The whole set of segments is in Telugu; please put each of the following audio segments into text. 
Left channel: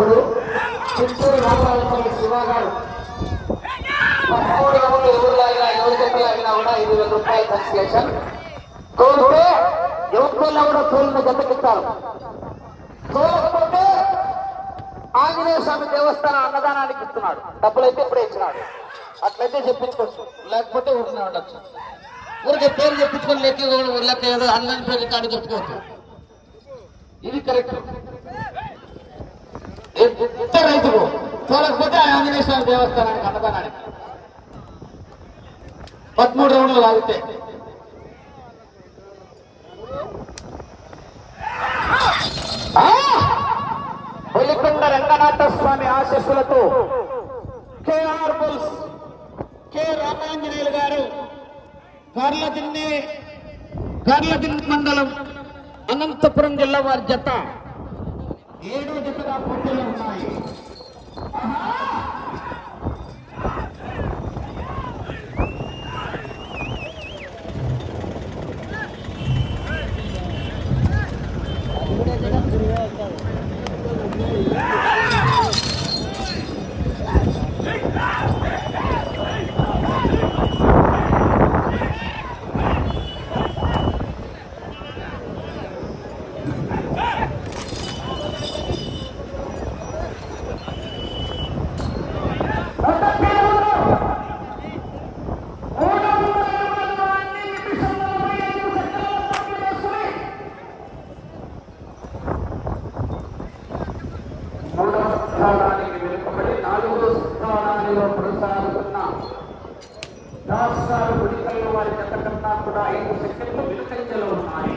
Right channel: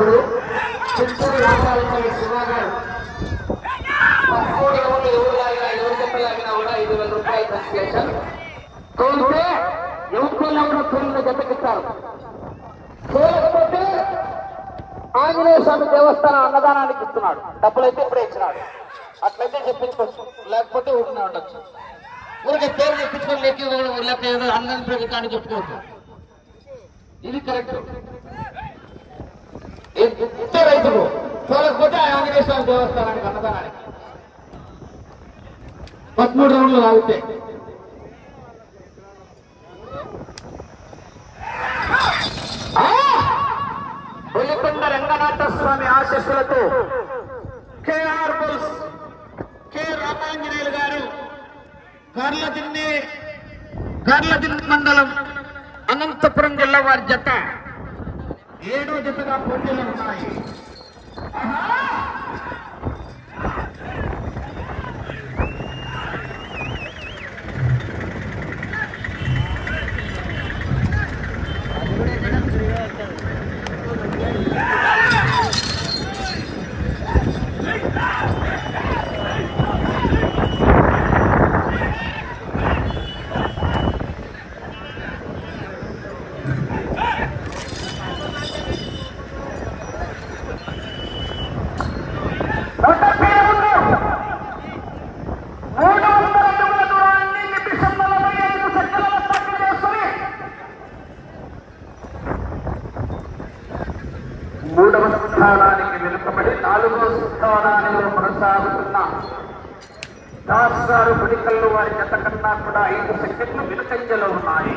వ్యవస్థాపకుడు చిత్తూరు యాత్రాలపల్లి శివ గారు 13 రౌండ్లు ఎవరు జతలాగినా కూడా 5,000 రూపాయలు కన్సలేషన్. తోలితే ఎవరికైనా కూడా తోలిన జతకిస్తారు. తోలకపోతే ఆంజనేయ స్వామి దేవస్థానం అన్నదానానికి ఇస్తున్నాడు. డబ్బులైతే ఇప్పుడే ఇచ్చినాడు. అట్లయితే చెప్పించుకోవచ్చు, లేకపోతే ఊరినే ఉండొచ్చు. ఊరికి పేరు చెప్పించుకొని లెక్క ఏదో ఆన్లైన్ పేరు రికార్డు చెప్పుకోవచ్చు. ఇది కరెక్ట్. ఇద్దరు రైతులు తోలకపోతే ఆంజనేయ స్వామి దేవస్థానానికి అన్నదానానికి 13 రౌండ్లు లాగితే బొలికొండ రంగనాథ స్వామి ఆశీస్సులతో కేఆర్ బుల్స్ కె రామాంజనేయులు గారు గార్లదిన్నె మండలం అనంతపురం జిల్లా వారి జత 7వ జతగా పోటీలు ఉన్నాయి. వెనుకబడి 4వ స్థానానికి కొనసాగుతున్న దాస్ గారు గుడికల్లు వారి జత కన్నా కూడా 5 సెకండ్లు వెనుకంజలో ఉన్నాయి.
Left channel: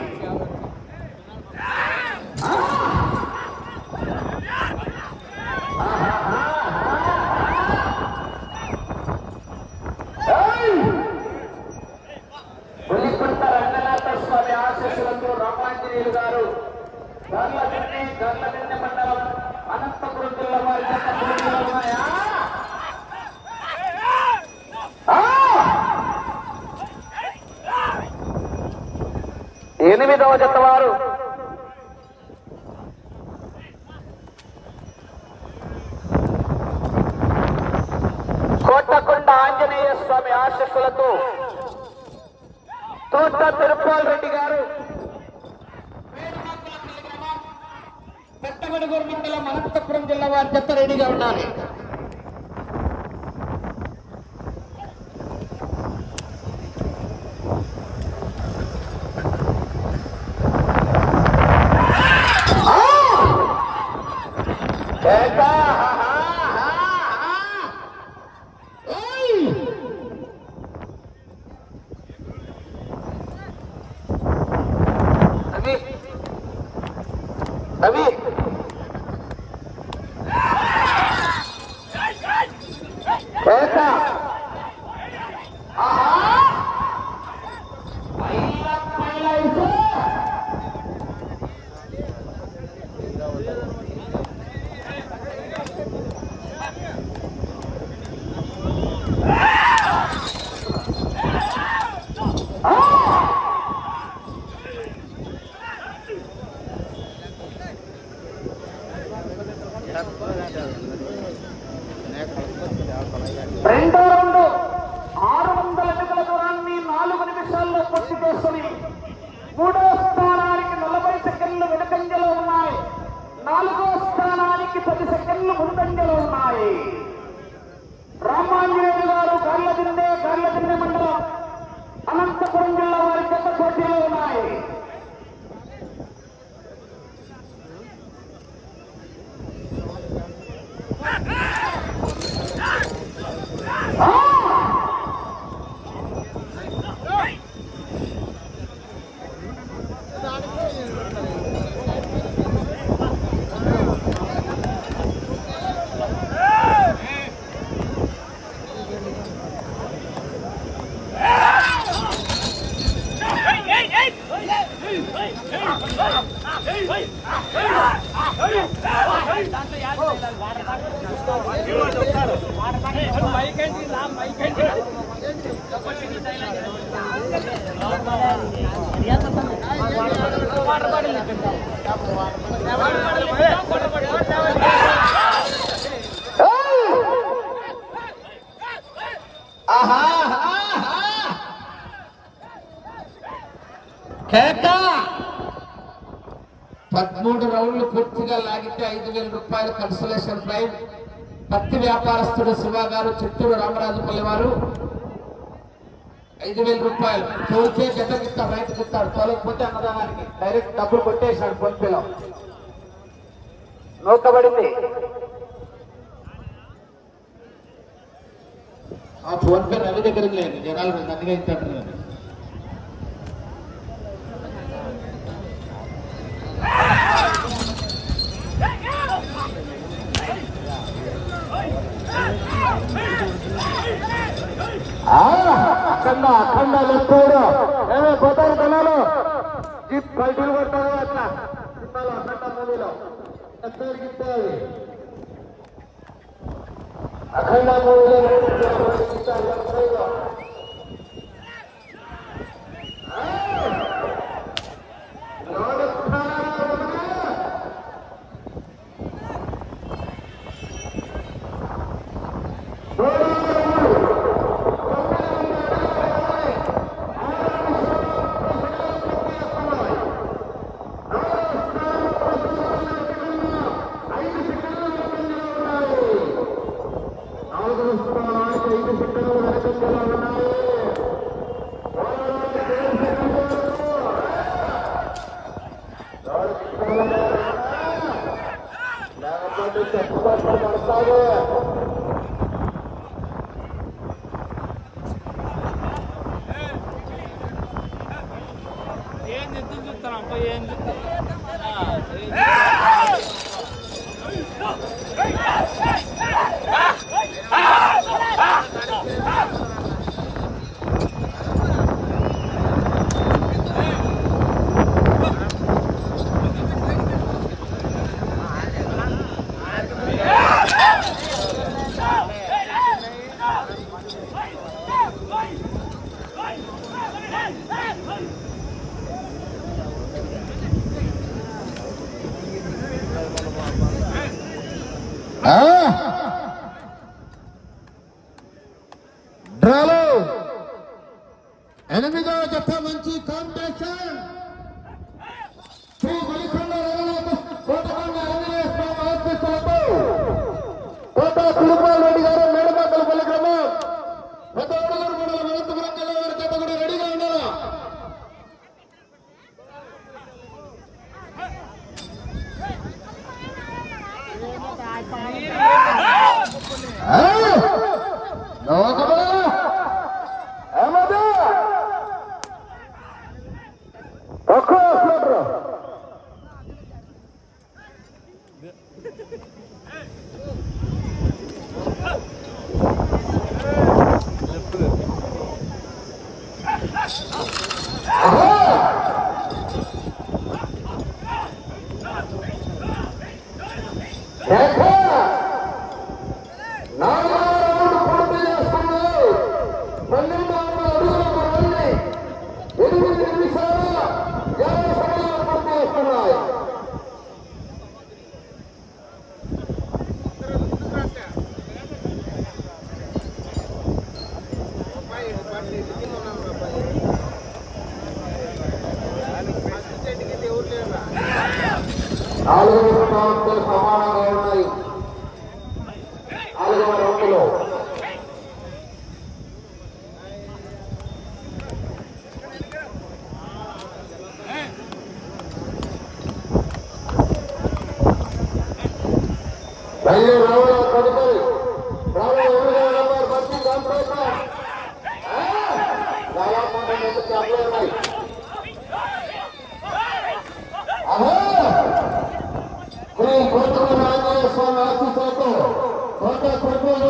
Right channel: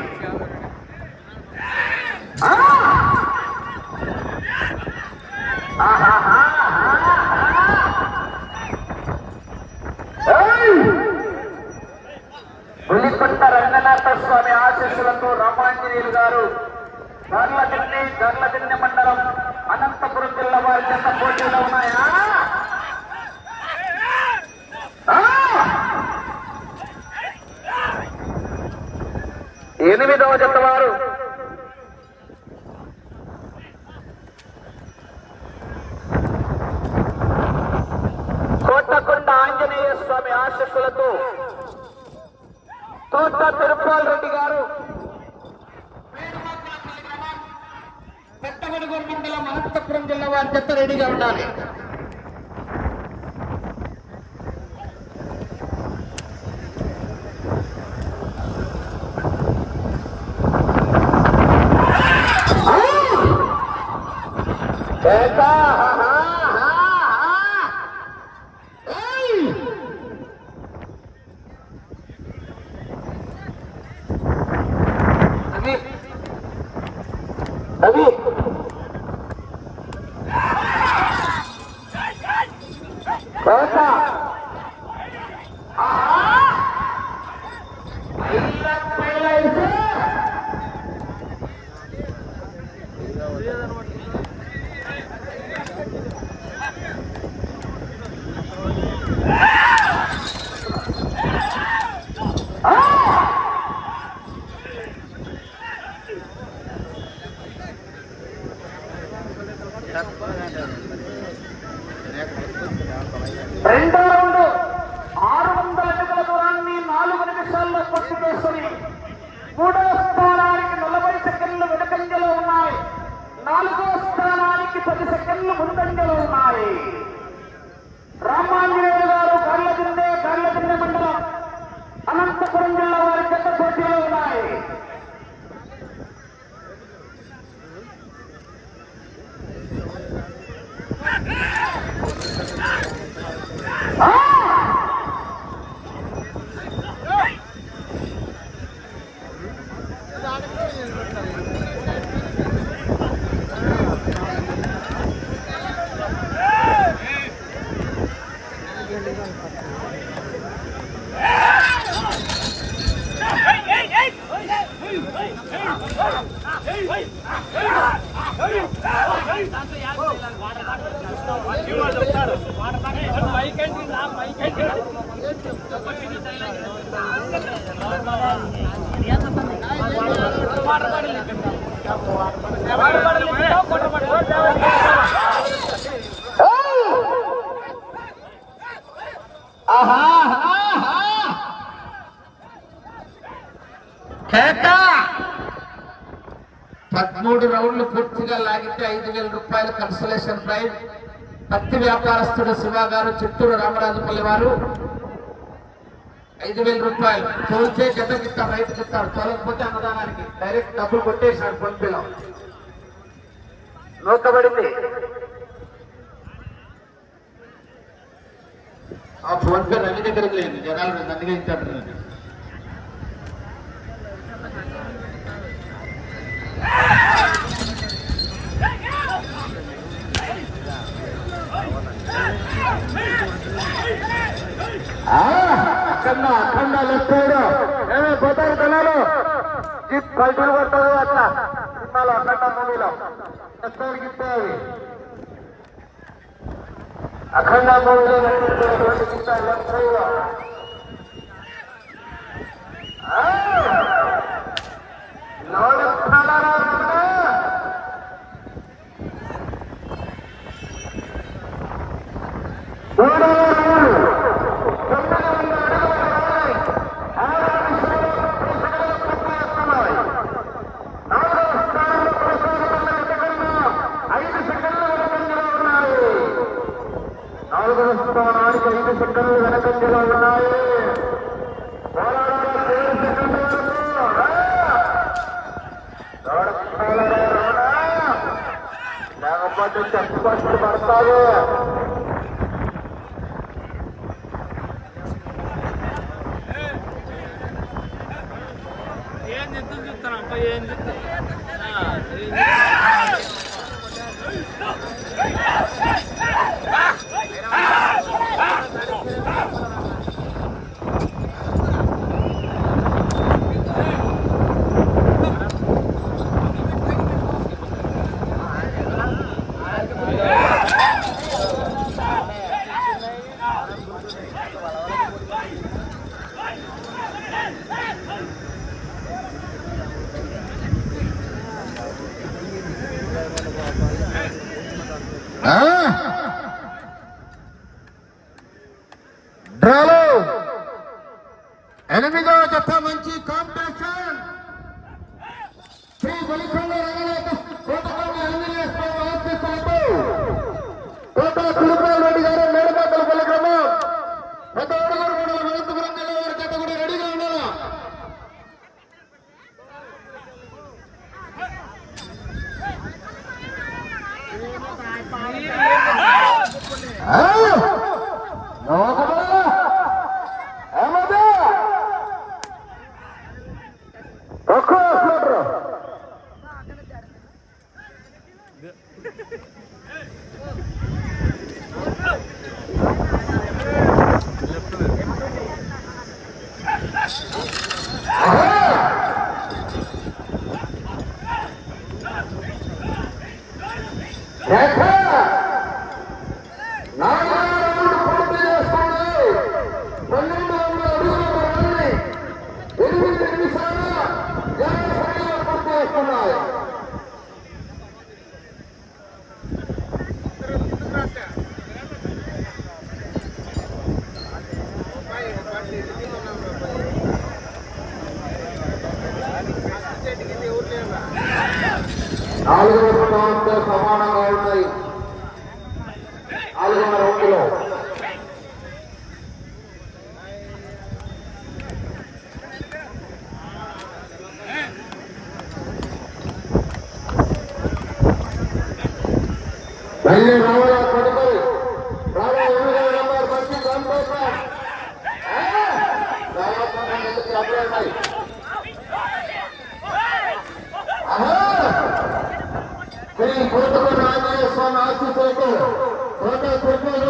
బులికొండ రంగనాథ స్వామి ఆశీస్సులతో రామాంజనేయులు గారు గర్లదిన్నె మండలం అనంతపురం జిల్లా వారి జత పోటీలో ఉన్నాయా? 8వ జత వారు కోటకొండ ఆంజనేయ స్వామి ఆశీస్సులతో తోట తిరుపాల్ రెడ్డి గారు పెద్దగొడుగూరు మండలం అనంతపురం జిల్లా వారి జత రెడీగా ఉండాలి. రెండో రౌండ్ 600 అడుగుల దూరాన్ని 4 నిమిషాల్లో పూర్తి చేసుకుని 3వ స్థానానికి 40 సెకండ్లు వెనుకంజలో ఉన్నాయి. 4వ స్థానానికి 10 సెకండ్లు ముందంజలో ఉన్నాయి. రామాంజనేయులు గారు గార్లదిన్నె మండలం అనంతపురం జిల్లా వారి జత పోటీలో ఉన్నాయి. వాటర్ 13 రౌండ్లు పూర్తిగా లాగితే 5,000 రూపాయలు కన్సలేషన్ ప్రైజ్. పత్తి వ్యాపారస్తుడు శివ గారు, చిత్తూరు రామరాజుపల్లి వారు 5,000 రూపాయలు. తోల్చే జతకిస్తా, బయటకు ఇస్తారు. తోలకపోతే అన్నదానానికి డైరెక్ట్ డబ్బులు కొట్టేశాడు ఫోన్ పేలో. నోకబడింది ఆ ఫోన్ పే నన్ను దగ్గర లేదు, జనాలు నన్నుగా ఇస్తాడు. అఖండ లెప్పాడు ఏమే పోతారు తనాలు జీప్ కల్టీలు కొడతారు అట్లా సినిమాలో అఖండ మూవీలో ఎత్తాడికి అఖండ మూవీలో స్థానానికి 5 సెకండ్లు వెనకంజలో ఉన్నాయి. లేకపోతే చెప్పబడి పడతాయి. ఏం చెప్తూ చూస్తానంట ఏం చెప్తా డ్రాలో 8వ జత మంచి కాంపిటీషన్. శ్రీ బలికొండ కోటకొండ ఆంజనేయ స్వామి ఆశీస్సులతో కోట తిరుపతి రెడ్డి గారు మేడపాకల పల్లి గ్రామం పెద్దవాడలూరు మండలం అనంతపురం జిల్లా వారి చేత కూడా రెడీగా ఉన్నారు. నాలుగవ స్థానంతో సమానంగా ఉన్నాయి. 4వ రౌండ్లో మళ్ళీ రావాల తదుపరి రావాల 8వ number bus competition Shri Kotakonda Anjaneya Swamy ఆశీస్సులతో కోట కుటుంబ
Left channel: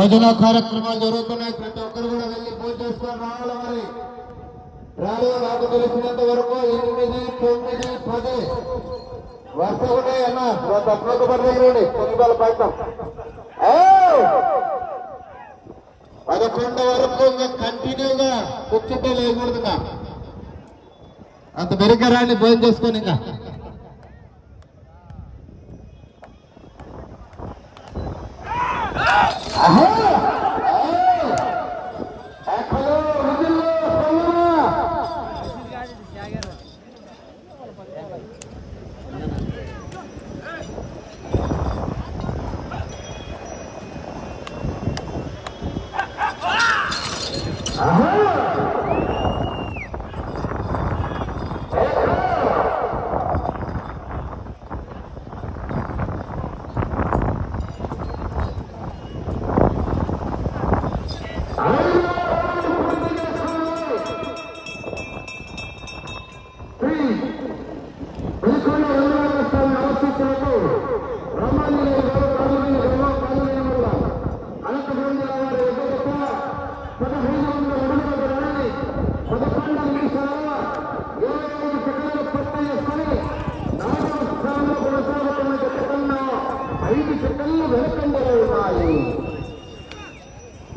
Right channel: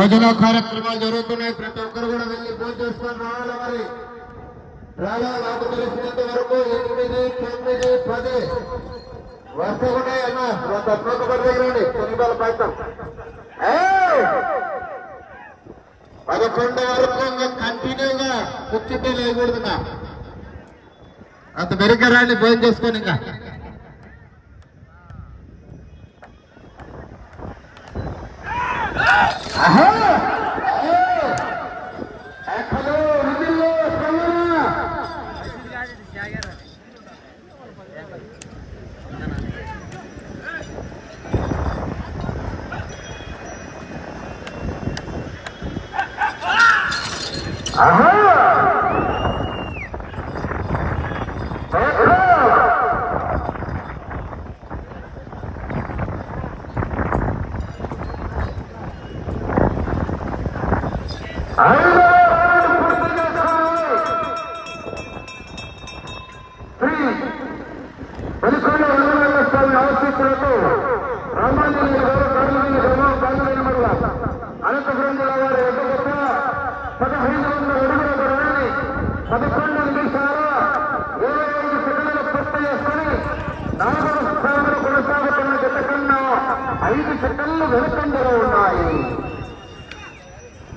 భోజన కార్యక్రమాలు జరుగుతున్నాయి. ప్రతి ఒక్కరు కూడా వెళ్ళి భోజనం చేసుకొని రావాలి. మరి రాలో నాకు తెలిసినంత వరకు 8, 9, 10 వస్తూ ఉన్నాయి అన్న. తక్కువ పడదండి 9 పైతం 11 వరకు ఇంకా కంటిన్యూగా కూర్చుంటే లేకూడదుగా. అంత మెరుగ్గా రాండి భోజనం చేసుకొని. ఇంకా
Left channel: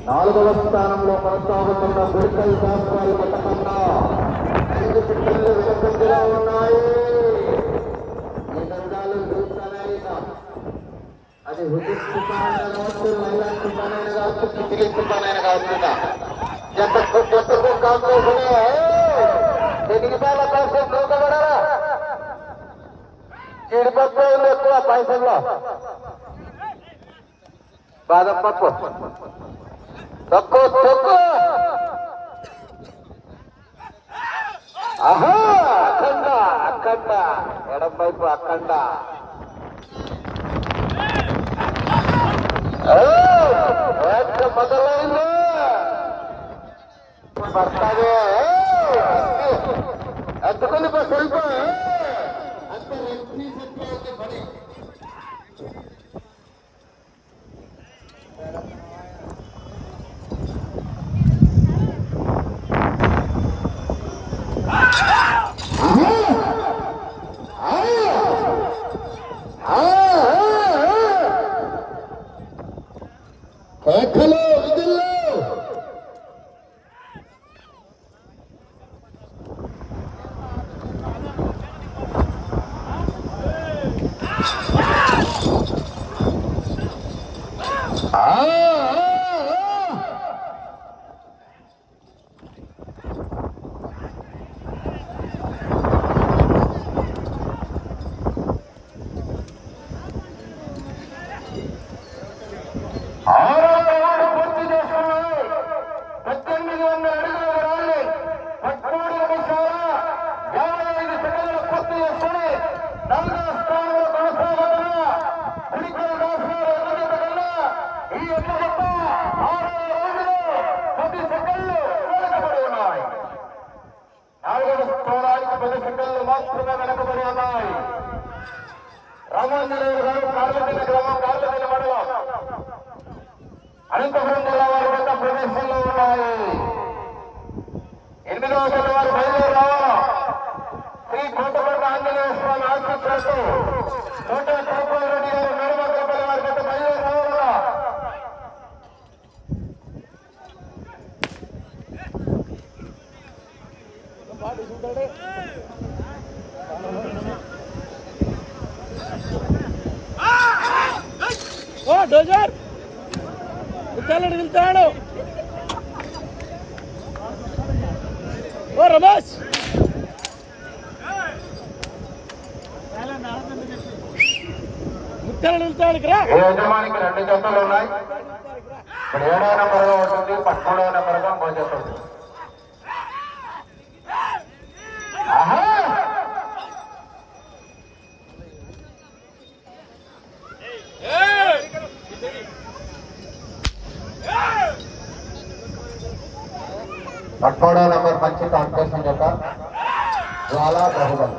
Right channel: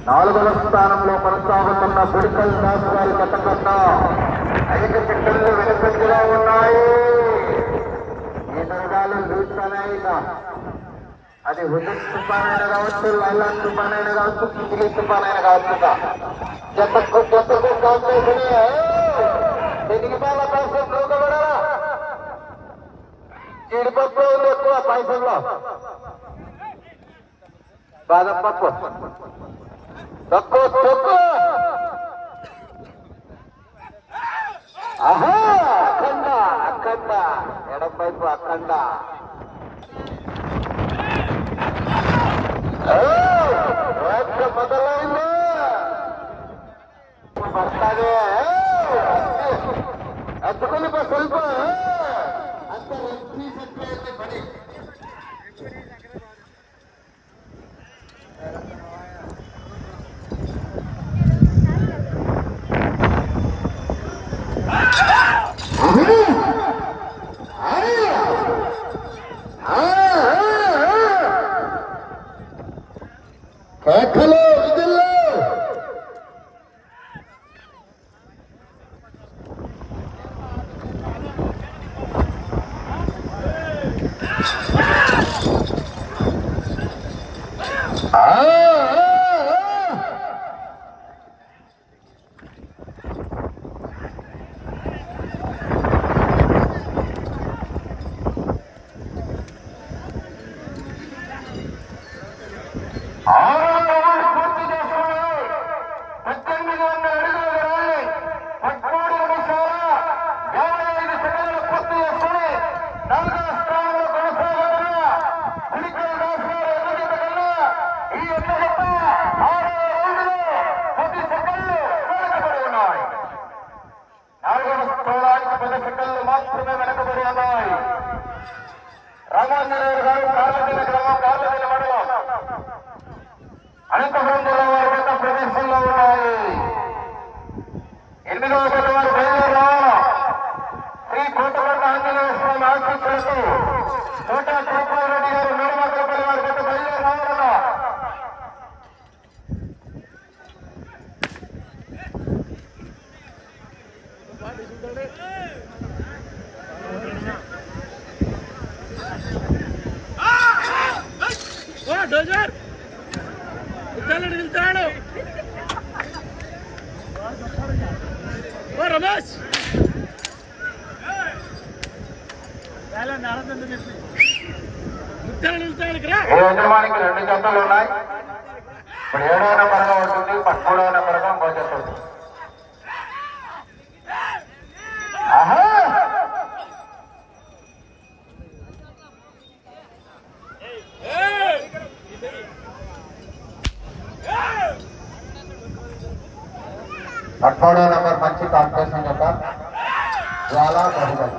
నాలుగవ స్థానంలో కొనసాగుతున్న గుడికల్ దాస్ గారి కట్టకన్నా 5 సెకండ్లు వెనుకంజలో ఉన్నాయి. ఈ తరగాలు చూస్తాయిగా అది హుజూర్ తుఫానైన కావచ్చు, లైలాన్ తుఫానైన కావచ్చు, తిరిగి తుఫానైన కావచ్చు. జతకు జీడిపప్పు ఎక్కువ పైసల్లో బాదం పప్పు తక్కువ తక్కువ. ఆహా అఖండ అఖండ ఎడం వైపు అఖండ. మొదలైంది అద్దుకొని ಸ್ವಲ್ಪ అంత రెడ్డి సెట్ పని. కేకలు విధుల్లో మాత్రమే వెనకబడి ఉన్నాయి. రామాంజనేయులు గారు కార్లపల్లి గ్రామం, కార్లపల్లి మండలం, అనంతపురం జిల్లా వారి కొత్త ప్రదేశంలో ఉన్నాయి. 8వ గత వారు బయలుదేరి శ్రీ కోటపల్లి ఆంజనేయ స్వామి ఆశీస్సులతో కోట గోపాల్ రెడ్డి గారు నీలమర్గపల్లి వారి కొత్త బయలుదేరి రావాలా. డోజర్ ఉత్తరాడు వెళ్తాడు. ఓ రమేష్ ఉత్తరాడు వెళ్తాడు. యజమానికి 2 జతలు ఉన్నాయి. ఇప్పుడు 7వ నెంబర్గా ఉంటుంది, 13వ నెంబర్గా పోతుంది. పట్వాడా నెంబర్ మంచి కాంపిటీషన్ యొక్క జ్వాలా బాహుబలి.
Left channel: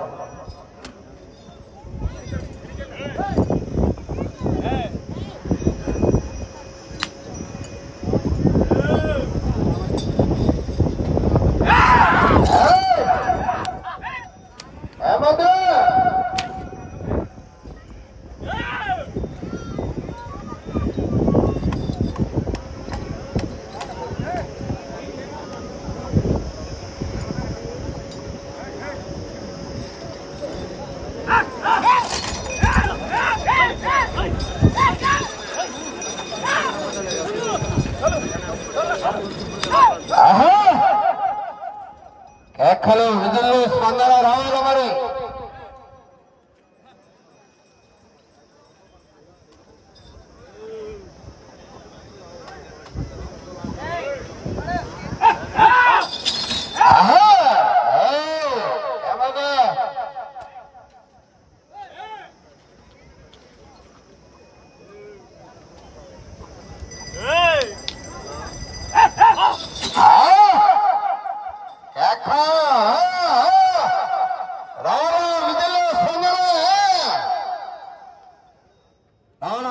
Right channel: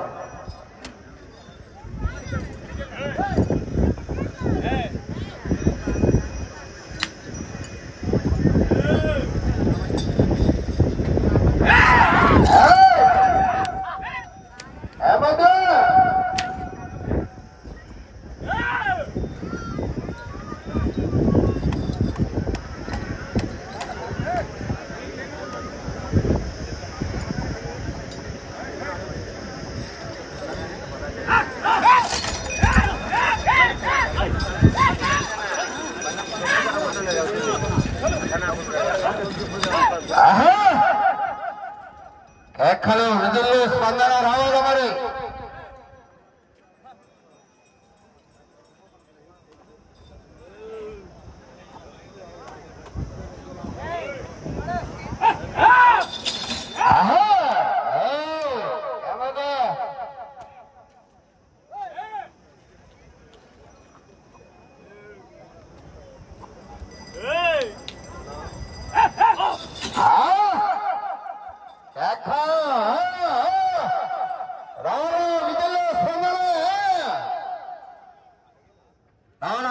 లెక్కలు విధులు స్పందన రావాల మరి.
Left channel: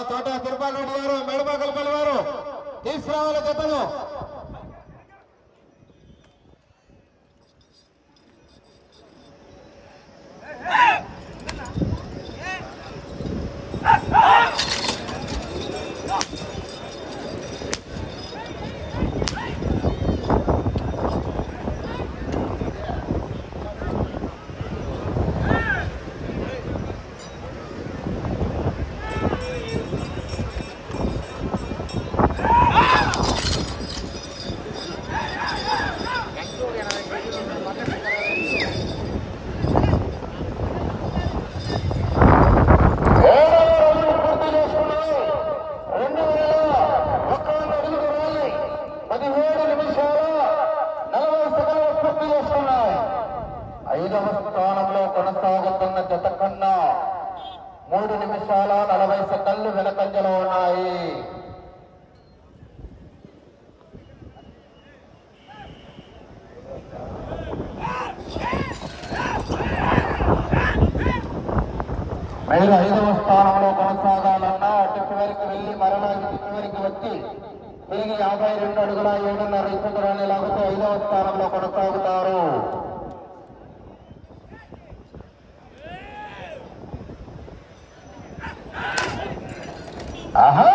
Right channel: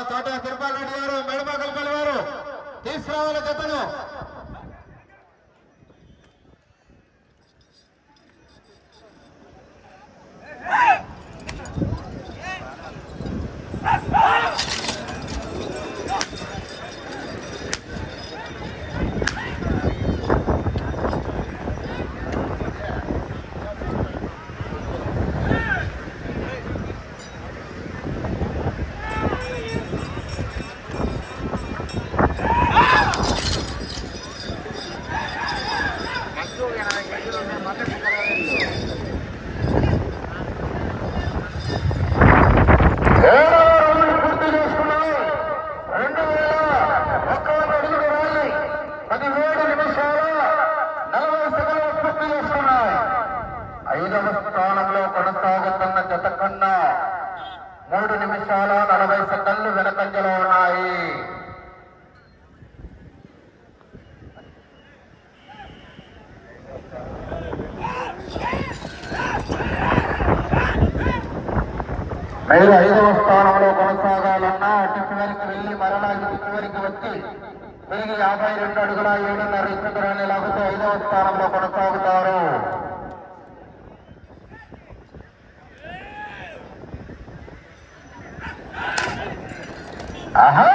తోట తిరుపతి రెడ్డి గారు మెడపకల్పల్లి వారు తీసుకురావాల జతను. కొనసాగుతున్న జత కన్నా 3 నిమిషాల 40 సెకండ్లు వెనకంజలో ఉన్నాయి. మీరు 5వ స్థానంలో కొనసాగాలన్నా అటు చివరికి వెళ్లి మరలా ఇటు చివరికి వచ్చి తిరిగి 52 అడుగుల 7.5 ఇంచు దూరాన్ని లాగితే 5వ స్థానంలో కొనసాగుతారు. ఆహా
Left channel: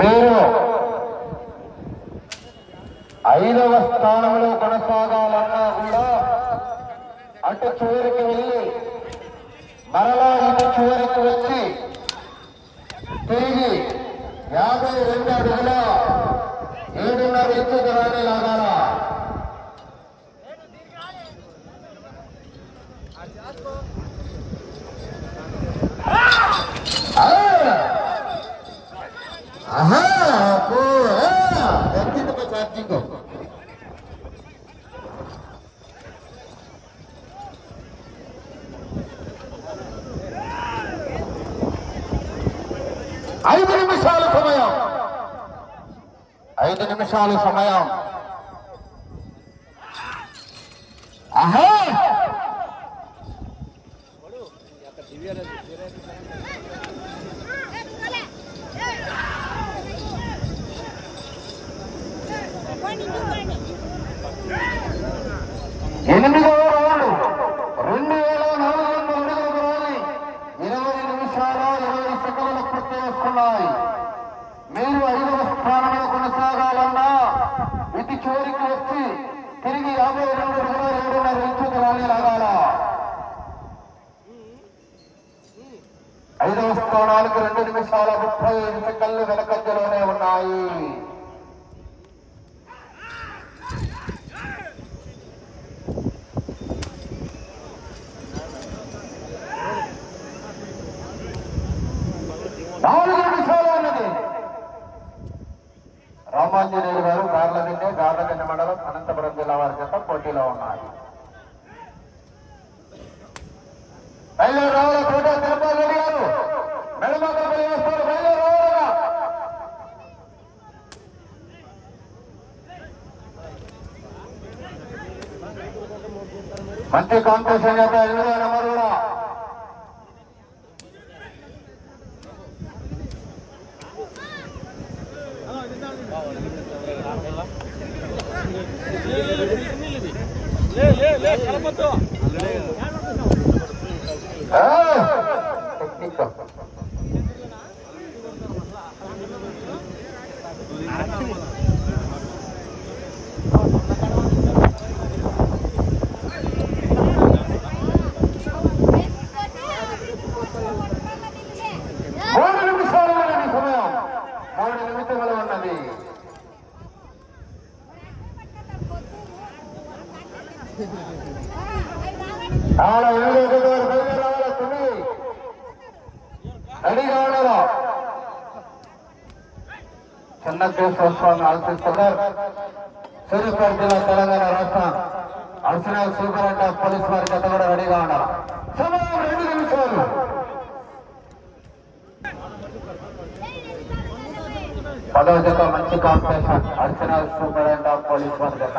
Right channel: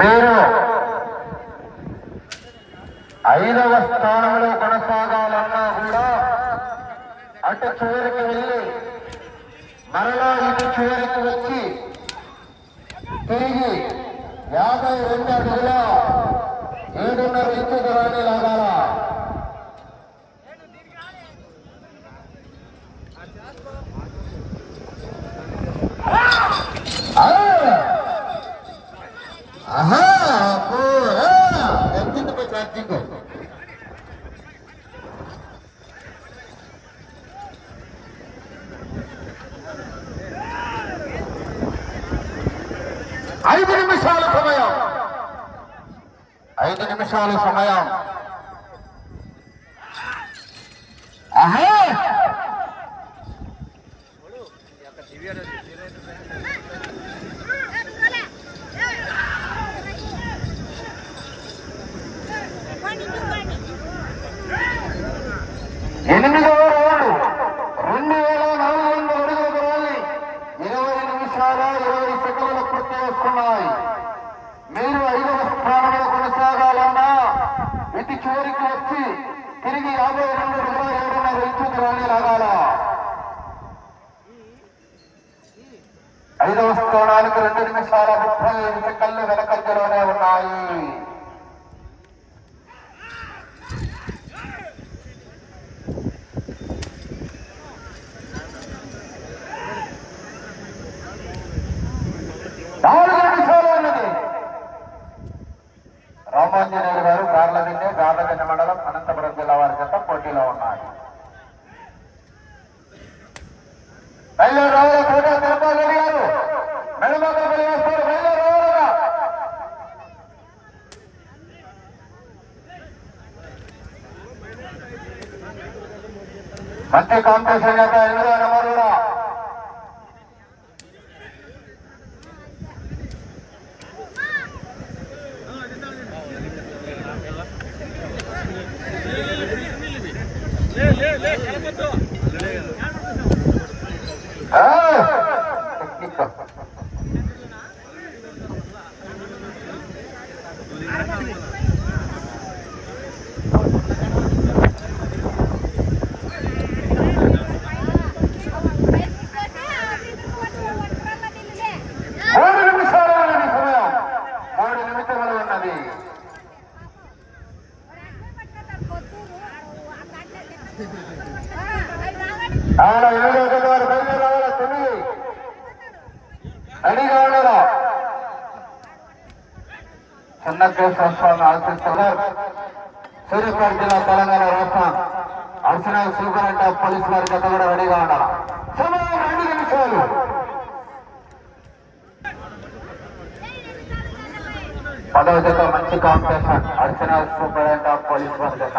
మీరు 5వ స్థానంలో కొనసాగాలన్నా కూడా అటు చివరికి వెళ్ళి మరలా ఇటు చివరికి వచ్చి తిరిగి 52 అడుగుల 7.5 ఇంచు దూరాన్ని లాగాల. ఛార్జింగ్ 5 నిమిషాల సమయం. 5 నిమిషాల సమయం. ఆహా 8వ రౌండ్ 2400 అడుగుల దూరాన్ని 20 నిమిషాల 20 సెకండ్లు పూర్తి చేసుకున్నాయి. మీరు 5వ స్థానంలో కొనసాగాలన్నా ఇటు చివరికి వచ్చి తిరిగి 52 అడుగుల 7.5 ఇంచు దూరాన్ని లాగాల. 5వ స్థానానికి 2 నిమిషాల 35 సెకండ్లు వెనకంజలోనే ఉన్నాయి. రామాంజనేయులు గారు గార్లదిన్నె మండలం అనంతపురం జిల్లా వారి చేత పోటీలో ఉన్నాయి. గారు మెడమకల్పల్లి వేస్తారు. మంచి కాంపిటీషన్ చేత 8వ నెంబర్ కూడా చిన్న కేసు వస్తామని ఆలోచిస్తున్నారు. సూర్యాపేట జిల్లా తెలంగాణ రాష్ట్రం అర్చనల్ సూపరింట పోలీసు వారి జత కూడా రెడీగా ఉన్నారు. సమయం 2 నిమిషాలు. పదవ జత మంచి కాంపిటీషన్ అర్చనల్ సూపరింట పోలీసు వారి జత.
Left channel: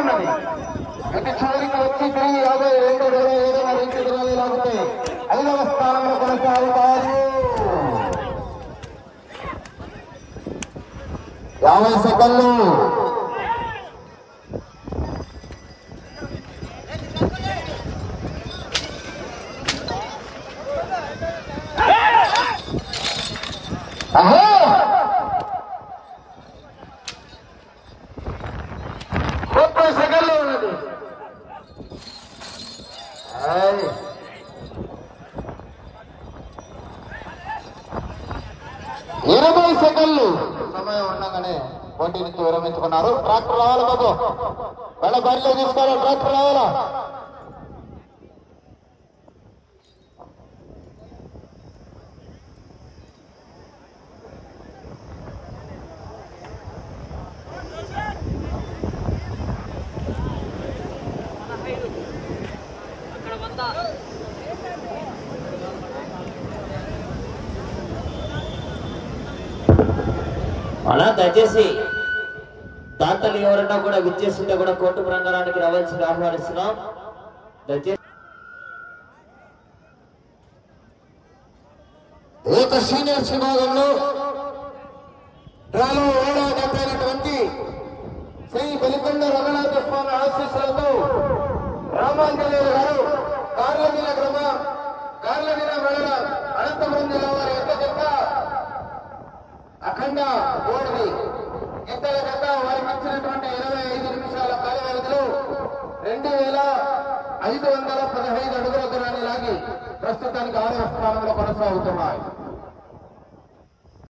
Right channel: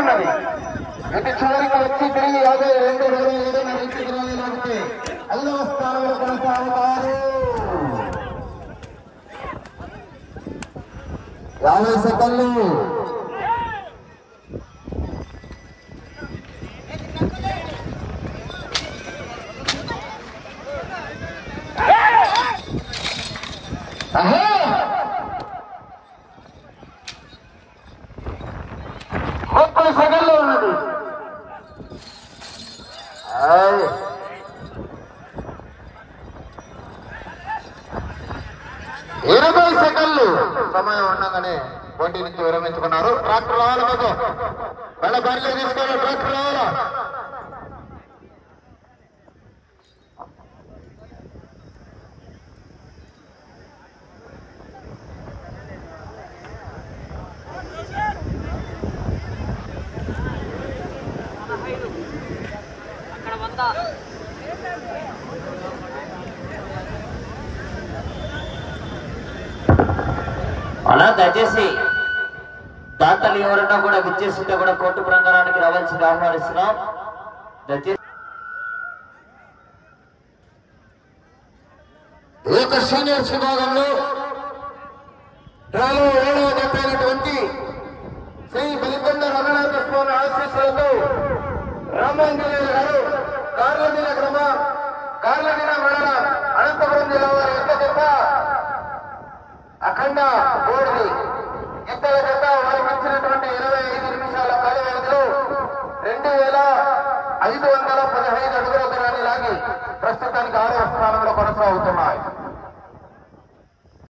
ఉన్నది గతి చివరికి వచ్చి తిరిగి 52-27 నుంచి తిరిగి లాగితే 5వ స్థానంలో కొనసాగుతారు. 50 సెకండ్లు. అహో 30 సెకండ్లు ఉన్నది. 20 సెకండ్లు సమయం ఉండగానే పోటీ నుంచి విరమించుకున్నారు. ట్రాక్టర్ రావాలి మాకు వాళ్ళ బండిలో తీసుకోవాలి. ట్రాక్టర్ రావాలా? అలా దయచేసి దాతలు ఎవరైనా కూడా విచ్చేస్తుంటే కూడా కోర్టు ప్రాంగణానికి రావాల్సింది ఆహ్వానిస్తున్నాం. దయచేసి ఈ యొక్క సీనియర్స్ విభాగంలో డ్రాలో 7వ జత అయినటువంటి శ్రీ బలికొండ రంగనాథ స్వామి ఆశీస్సులతో రామాంజనేయులు గారు కార్లమీద మండల అనంతపురం జిల్లా వారి యొక్క జత అఖండ బోర్డు ఇద్దరు జత వారికి ఇచ్చినటువంటి 25 నిమిషాల కాల వ్యవధిలో 2515